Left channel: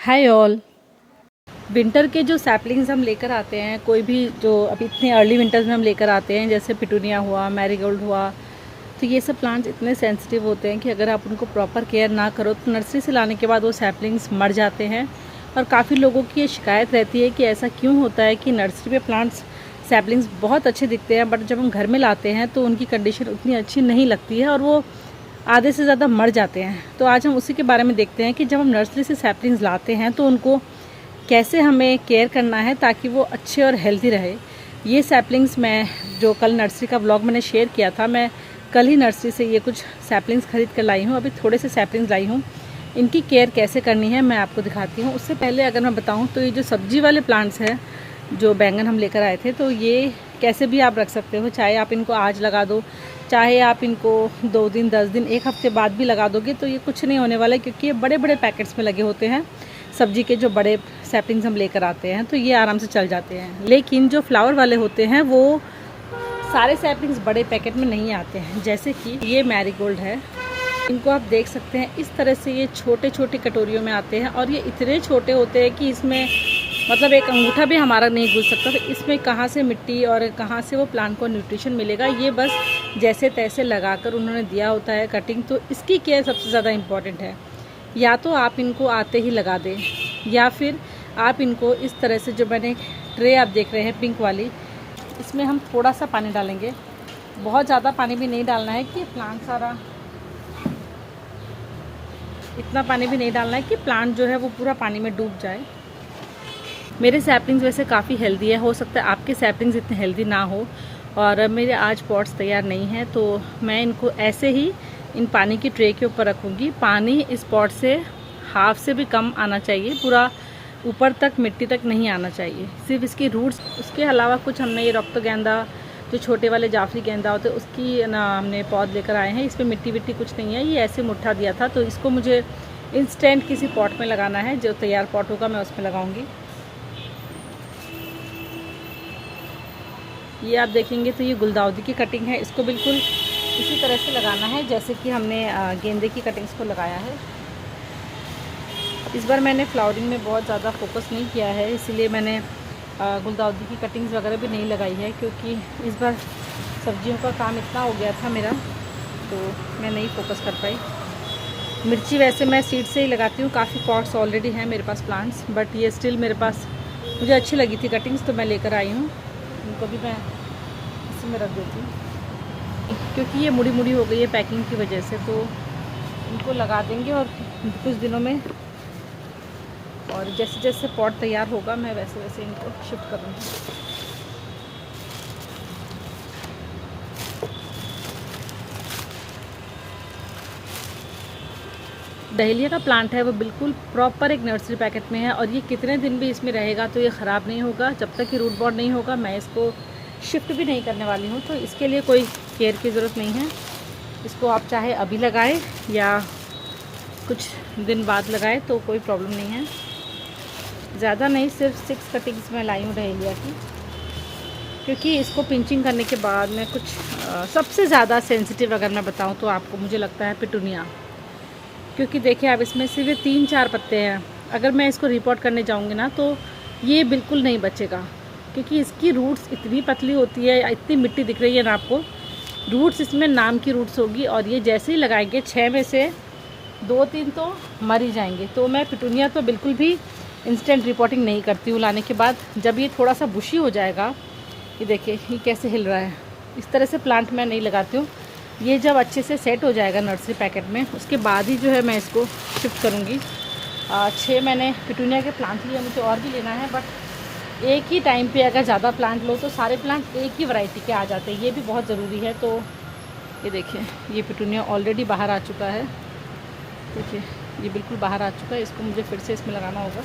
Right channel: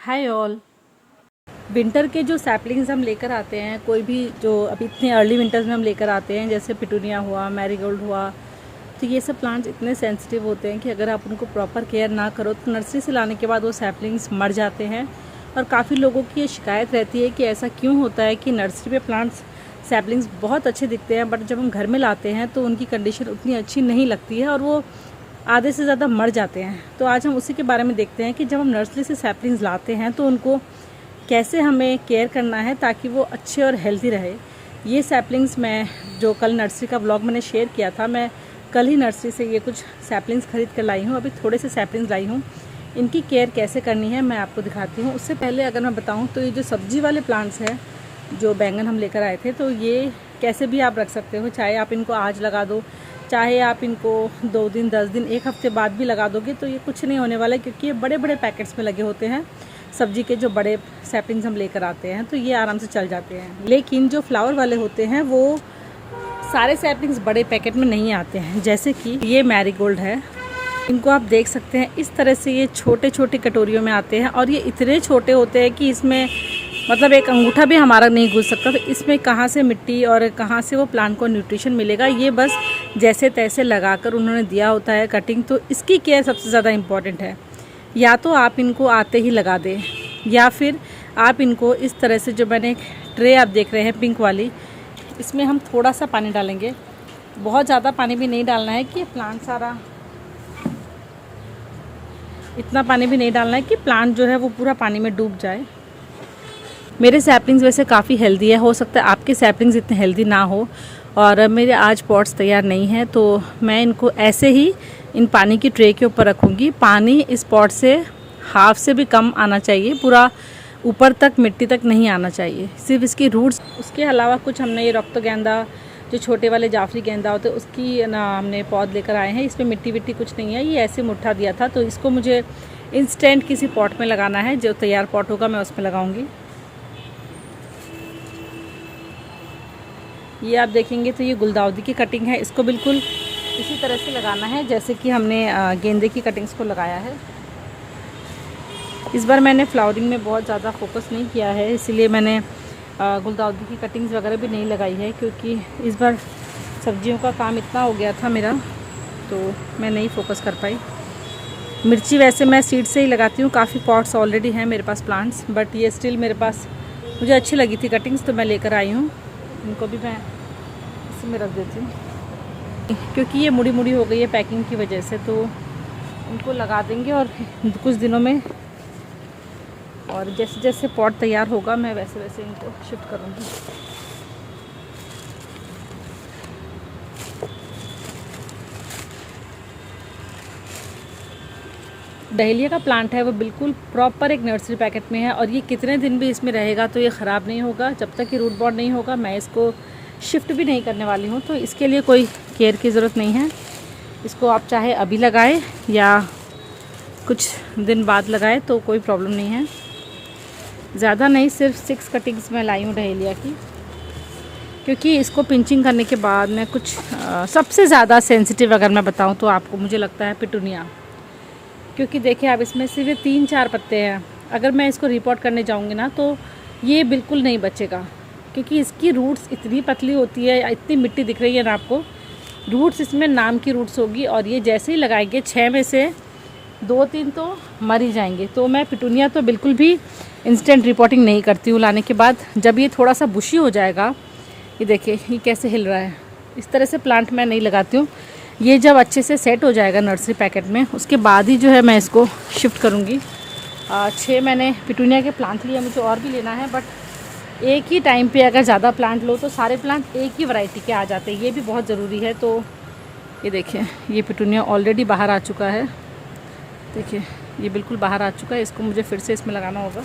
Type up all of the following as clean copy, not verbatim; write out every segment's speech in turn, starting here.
Hi all. Winter के जो saplings हम लेकर आते हैं, कोई भी जो अभी इतने अर्ली विंटर्स में हम लेकर आते हैं, जैसे पिटूनिया हुआ, मैरीगोल्ड हुआ, तो ये सब प्लांट्स इतने सेंसिटिव होते हैं कि अगर आप उनको प्रॉपर केयर ना करो तो नर्सरी से लाने के बाद वो सैपलिंग्स मर जाते हैं। और काफ़ी लोगों की ये शिकायत रहती है कि ऐसा क्यों होता है कि नर्सरी पे प्लांट्स सैपलिंग्स बहुत अच्छे दिखते हैं, बट जब हम घर में लाते हैं तो उनकी कंडीशन उतनी अच्छी नहीं लगती है और वो आधे से ज़्यादा मर जाते हैं। तो आज हम उसी के बारे में देखते हैं कि जब हम नर्सरी से सैपलिंग्स लाते हैं तो उनको कैसे हमें केयर करना है ताकि वो अच्छे और हेल्दी रहे। ये सैपलिंग्स मैं जो कल नर्सरी का व्लॉग मैंने शेयर किया था, मैं कल ही नर्सरी से ये कुछ सैपलिंग्स खरीद कर लाई हूँ। अभी थोड़े से सैपलिंग्स लाई हूँ, इनकी केयर कैसे करनी है मैं आपको दिखाती हूँ। उससे पहले अगर मैं बताऊँ तो ये जो सब्जी वाले प्लांट्स हैं, जो बैंगन हम लेकर आए थे, तो ये कैसे भी आप रख सकते हो। चाहे आप इनको आज लगा दो, चाहे आप इनको 2 दिन, 10 दिन, 1 हफ्ते बाद भी लगा दोगे तो ये कुछ नहीं होने वाला है, क्योंकि ये बड़े बड़े पैकेट्स में लगे होते हैं। सब्जी के जो बड़े सैपलिंग्स हम लेकर आते हैं तो ये आराम से चल जाते हैं। लेकिन जो फ्लावर वाले होते हैं वो सारे सैपलिंग्स बड़े पैकेट में नहीं आते हैं। जैसे कि ये मैरीगोल्ड है, इनको आप देख सकते हैं इस तरह से ये छोटे छोटे कटोरियों में आते हैं और ये इतने छोटे होते हैं कि इसमें मतलब एक अंगूठा भी हमारा नहीं घुस सकता। तो इसमें कहाँ से मिट्टी और कहाँ से वो प्लांट को न्यूट्रिशन मिलेगा, ये बस जैसे तैसे लगाकर उन्होंने दिया होता है कटिंग। तो इसकी केयर सबसे ज़्यादा इम्पॉर्टेंट है। या तो आप इनको आते ही लगा दें, या फिर आप इनको इस तरह से, जो मैंने ट्रे आप देख रहे हैं पिंक वाली, इसमें हम थोड़ा सा पानी डालेंगे। बहुत ज़्यादा पानी भी नहीं डालना है कि प्लांट सारा, इतना पानी भी नहीं डालना है कि प्लांट जो है वो पूरा पानी में डूब जाए। मेरे सैपलिंग्स वैसे काफ़ी हेल्दी है, हो सकता है आपके सैपलिंग्स इतने हेल्दी ना हो। और मेरे आज पॉट्स तैयार नहीं हैं तो मैं इनको ऐसे ही इन पानी की ट्रे के ऊपर रखूँगी। पानी इस पॉट से हाफ से भी कम आना चाहिए, पूरा ऊपर तक मिट्टी तक नहीं आना चाहिए, सिर्फ इसकी रूट्स। उसके अलावा कुछ हमने ये रक्त गेंदा, जो छोटे वाले जाफरी गेंदा होते हैं, उसकी ना हमने पौध लेकर आए हैं। इसमें मिट्टी विट्टी कुछ नहीं है, ये ऐसे मुट्ठा दिया था। तो इसको मुझे इंस्टेंट किसी पॉट में लगाना है, जो तैयार पॉट होगा मैं उसमें लगाऊंगी। ये आप देखेंगे तो ये गुलदाउदी की कटिंग है, इसको बिल्कुल इसी तरह से लगाना है जैसे कि हमने गेंदे की कटिंग्स को लगाया है। इस बार मैंने फ्लावरिंग में बहुत ज़्यादा फोकस नहीं किया है, इसीलिए मैंने गुलदाउदी की कटिंग्स वगैरह भी नहीं लगाई है, क्योंकि इस बार सब्जियों का काम इतना हो गया था मेरा, तो मैं नहीं फोकस कर पाई। मिर्ची वैसे मैं सीड से ही लगाती हूँ, काफ़ी पॉट्स ऑलरेडी हैं मेरे पास प्लांट्स, बट ये स्टिल मेरे पास मुझे अच्छी लगी थी कटिंग्स, तो मैं लेकर आई हूँ। इनको भी मैं इसमें रख देती हूँ, क्योंकि ये मुड़ी मुड़ी हो गई है पैकिंग की वजह से। तो इनको लगा देंगे और कुछ दिनों में, और जैसे जैसे पॉट तैयार होगा मैं वैसे वैसे इनको शिफ्ट करूँगी। डहेलिया का प्लांट है वो बिल्कुल प्रॉपर एक नर्सरी पैकेट में है, और ये कितने दिन भी इसमें रहेगा तो ये ख़राब नहीं होगा जब तक कि रूट बॉर्ड नहीं होगा। मैं इसको शिफ्ट भी नहीं करने वाली हूँ, तो इसके लिए कोई केयर की ज़रूरत नहीं है। इसको आप चाहे अभी लगाएं या कुछ दिन बाद लगाएं तो कोई प्रॉब्लम नहीं है। ज़्यादा नहीं, सिर्फ 6 कटिंग्स मैं लाई हूँ डहेलिया की, क्योंकि इसको पिंचिंग करने के बाद मैं कुछ सबसे ज़्यादा सेंसिटिव अगर मैं बताऊँ तो आपको मुझे लगता है पिटूनिया, क्योंकि देखिए आप इसमें सिर्फ 3-4 पत्ते हैं। अगर मैं इसको रिपोर्ट करने जाऊँगी ना तो ये बिल्कुल नहीं बचेगा, क्योंकि इसकी रूट्स इतनी पतली होती है, इतनी मिट्टी दिख रही है ना आपको, रूट्स इसमें नाम की रूट्स होगी, और ये जैसे ही लगाएंगे 6 में से 2-3 तो मर ही जाएंगे। तो मैं पिटूनिया तो बिल्कुल भी इंस्टेंट रिपोर्टिंग नहीं करती हूँ लाने के बाद। जब ये थोड़ा सा बुशी हो जाएगा, ये देखिए ये कैसे हिल रहा है, इस तरह से प्लांट मैं नहीं लगाती हूँ। ये जब अच्छे से सेट हो जाएगा नर्सरी पैकेट में, उसके बाद ही जो है मैं इसको शिफ्ट करूँगी। 6 मैंने पिटूनिया के प्लांट लिए, मुझे और भी लेना है, बट एक ही टाइम पे अगर ज़्यादा प्लांट लो तो सारे प्लांट एक ही वैरायटी के आ जाते हैं, ये भी बहुत ज़रूरी है। तो ये देखिए ये पिटूनिया ऑलरेडी बाहर आ चुका है, देखिए ये बिल्कुल बाहर आ चुका है, इसको मुझे फिर से इसमें लगाना होगा।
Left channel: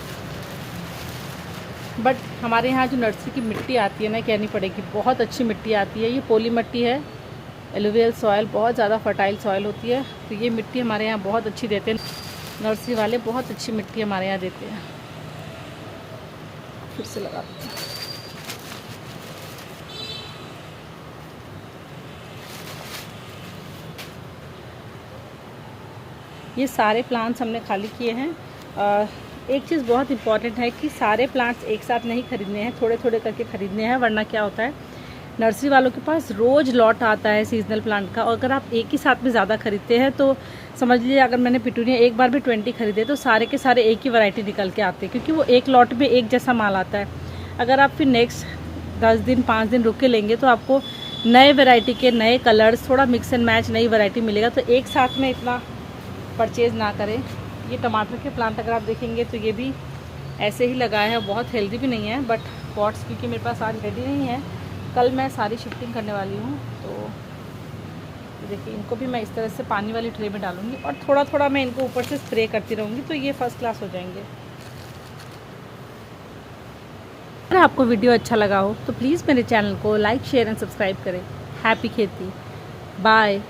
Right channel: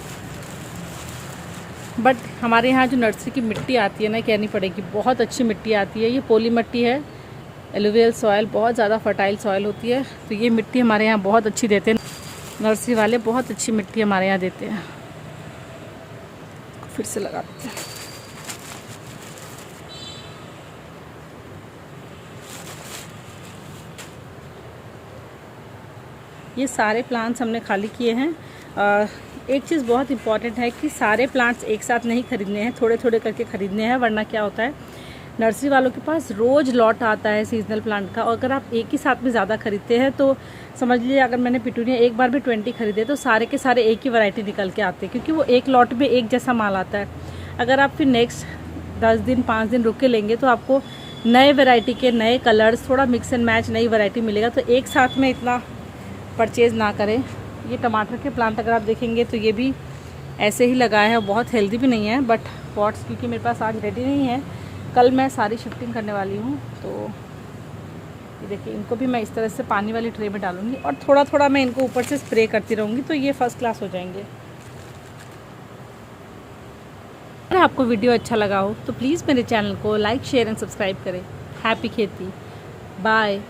बट हमारे यहाँ जो नर्सरी की मिट्टी आती है ना, कहनी पड़ेगी बहुत अच्छी मिट्टी आती है। ये पोली मिट्टी है, एलुवियल सॉयल, बहुत ज़्यादा फर्टाइल सॉयल होती है। तो ये मिट्टी हमारे यहाँ बहुत अच्छी देते हैं नर्सरी वाले, बहुत अच्छी मिट्टी हमारे यहाँ देते हैं। फिर से लगा देते हैं। ये सारे प्लांट्स हमने खाली किए हैं। एक चीज़ बहुत इंपॉर्टेंट है कि सारे प्लांट्स एक साथ नहीं खरीदने हैं, थोड़े थोड़े करके खरीदने हैं, वरना क्या होता है नर्सरी वालों के पास रोज़ लॉट आता है सीजनल प्लांट का, और अगर आप एक ही साथ में ज़्यादा खरीदते हैं तो समझ लीजिए अगर मैंने पिटूनिया एक बार भी 20 खरीदे तो सारे के सारे एक ही वैरायटी निकल के आते हैं, क्योंकि वो एक लॉट में एक जैसा माल आता है। अगर आप फिर नेक्स्ट 10 दिन 5 दिन रुक के लेंगे तो आपको नए वैरायटी के नए कलर्स, थोड़ा मिक्स एंड मैच नई वैरायटी मिलेगा, तो एक साथ में इतना परचेज़ ना करें। ये टमाटर के प्लांट अगर आप देखेंगे तो ये भी ऐसे ही लगाए हैं, बहुत हेल्दी भी नहीं है, बट पॉट्स क्योंकि मेरे पास आज रेडी नहीं है, कल मैं सारी शिफ्टिंग करने वाली हूँ। तो ये देखिए इनको भी मैं इस तरह से पानी वाली ट्रे में डालूँगी और थोड़ा थोड़ा मैं इनको ऊपर से स्प्रे करती रहूँगी, तो ये फर्स्ट क्लास हो जाएंगे। अगर आपको वीडियो अच्छा लगा हो तो प्लीज़ मेरे चैनल को लाइक शेयर एंड सब्सक्राइब करें। हैप्पी खेती, बाय।